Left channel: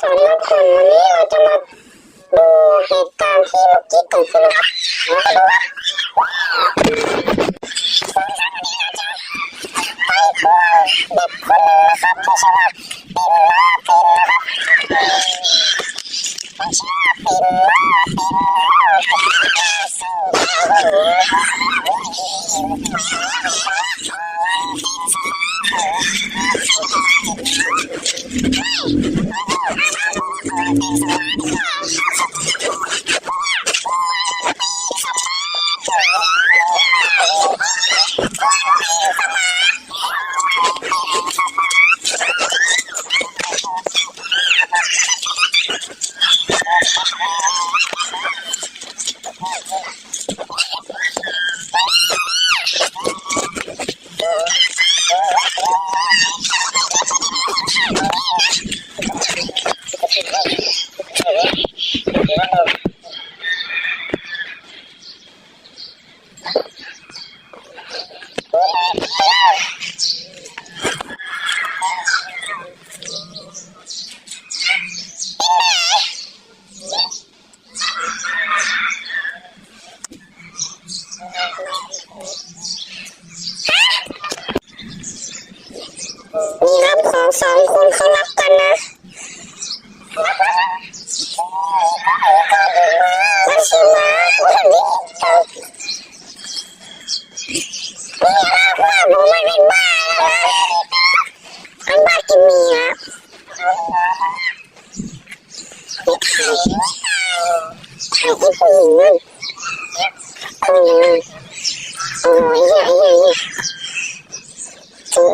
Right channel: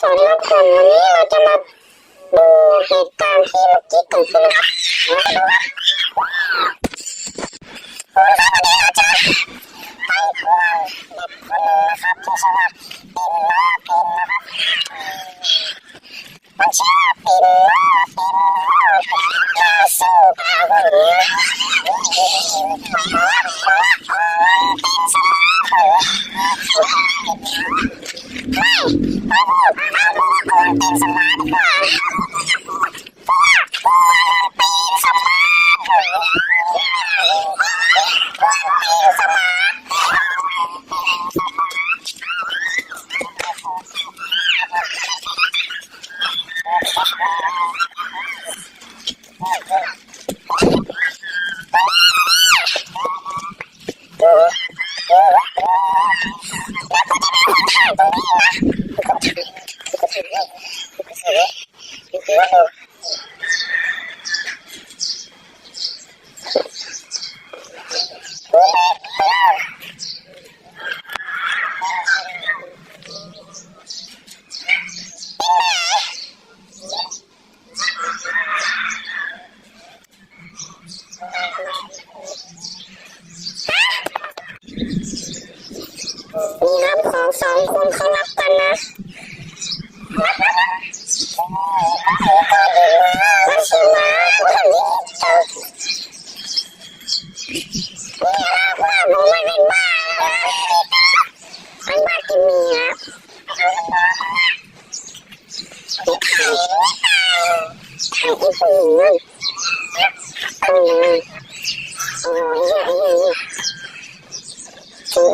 สวัสดีครับคนวันนี้เราจะมาดูเหตุการณ์ที่เมื่อกี้เกิดขึ้นนะครับมาดูครับเราจะไปทวงเด็กคนนึงนะครับที่ชื่อว่าปิ่นม้าปิ่นนะครับมันชื่อว่าปิ่นม้าปิ่นซึ่งเขาก็รู้นี่ครับของสองคนเขารักกันนะมันชื่อม้าคนนี้ว่าผมไม่เป็นบ้าเป็นบ้ากินมีนะไม่ขายที่ผู้หญิงนั่นผู้หญิงนั่นโอ้ยถือ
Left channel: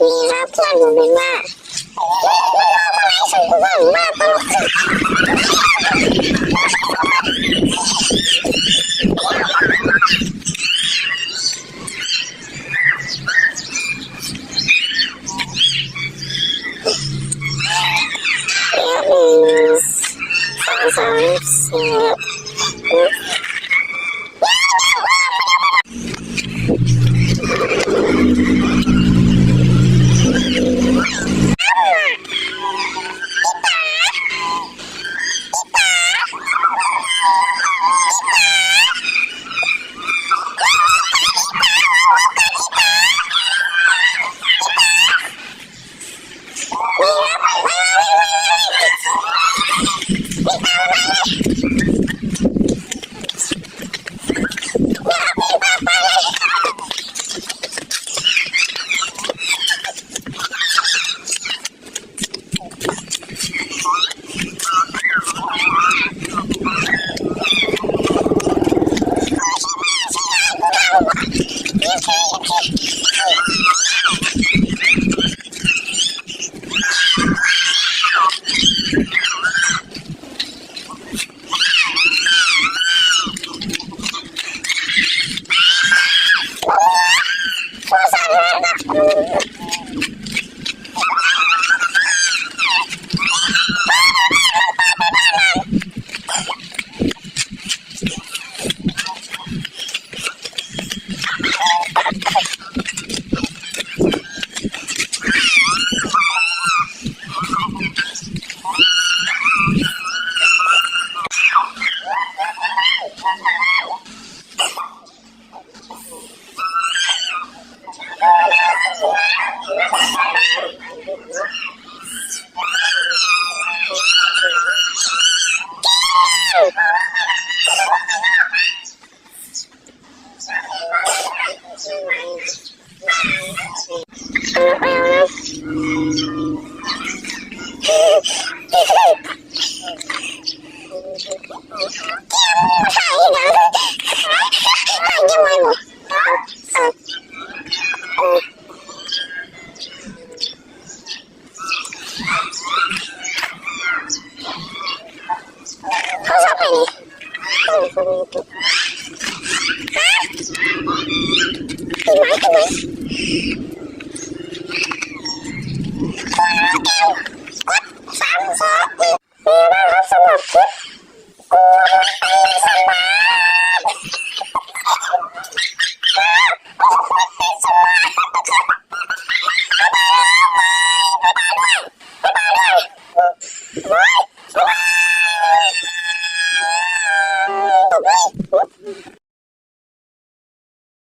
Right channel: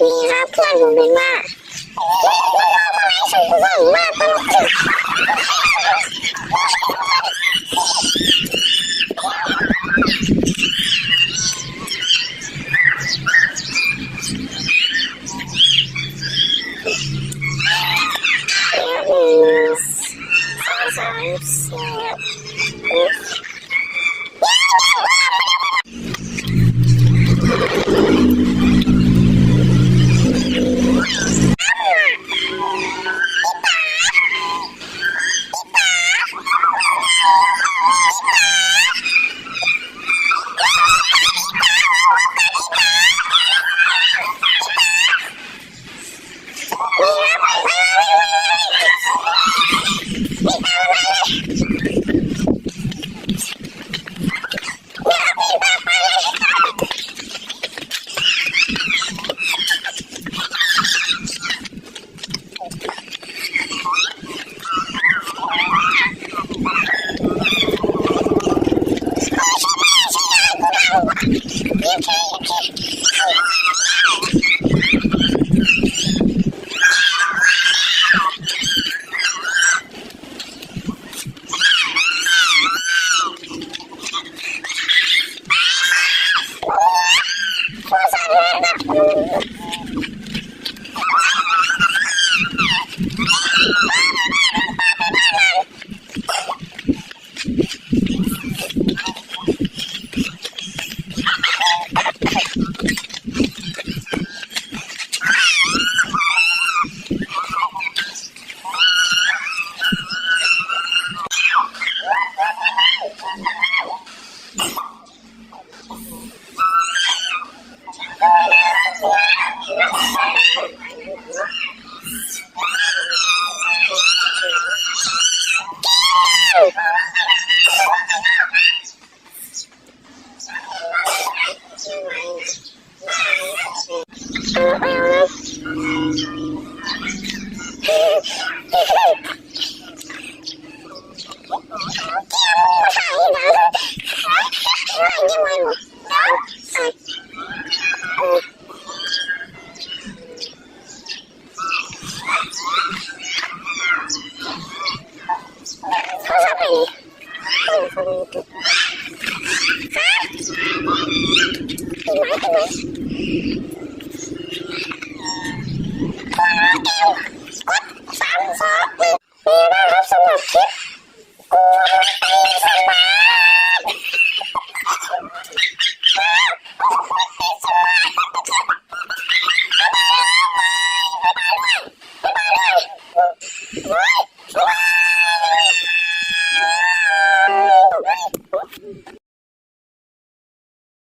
นี่ครับเพื่อนผมเป็นว่า Hãy subscribe cho kênh Ghiền Mì Gõ để không bỏ lỡ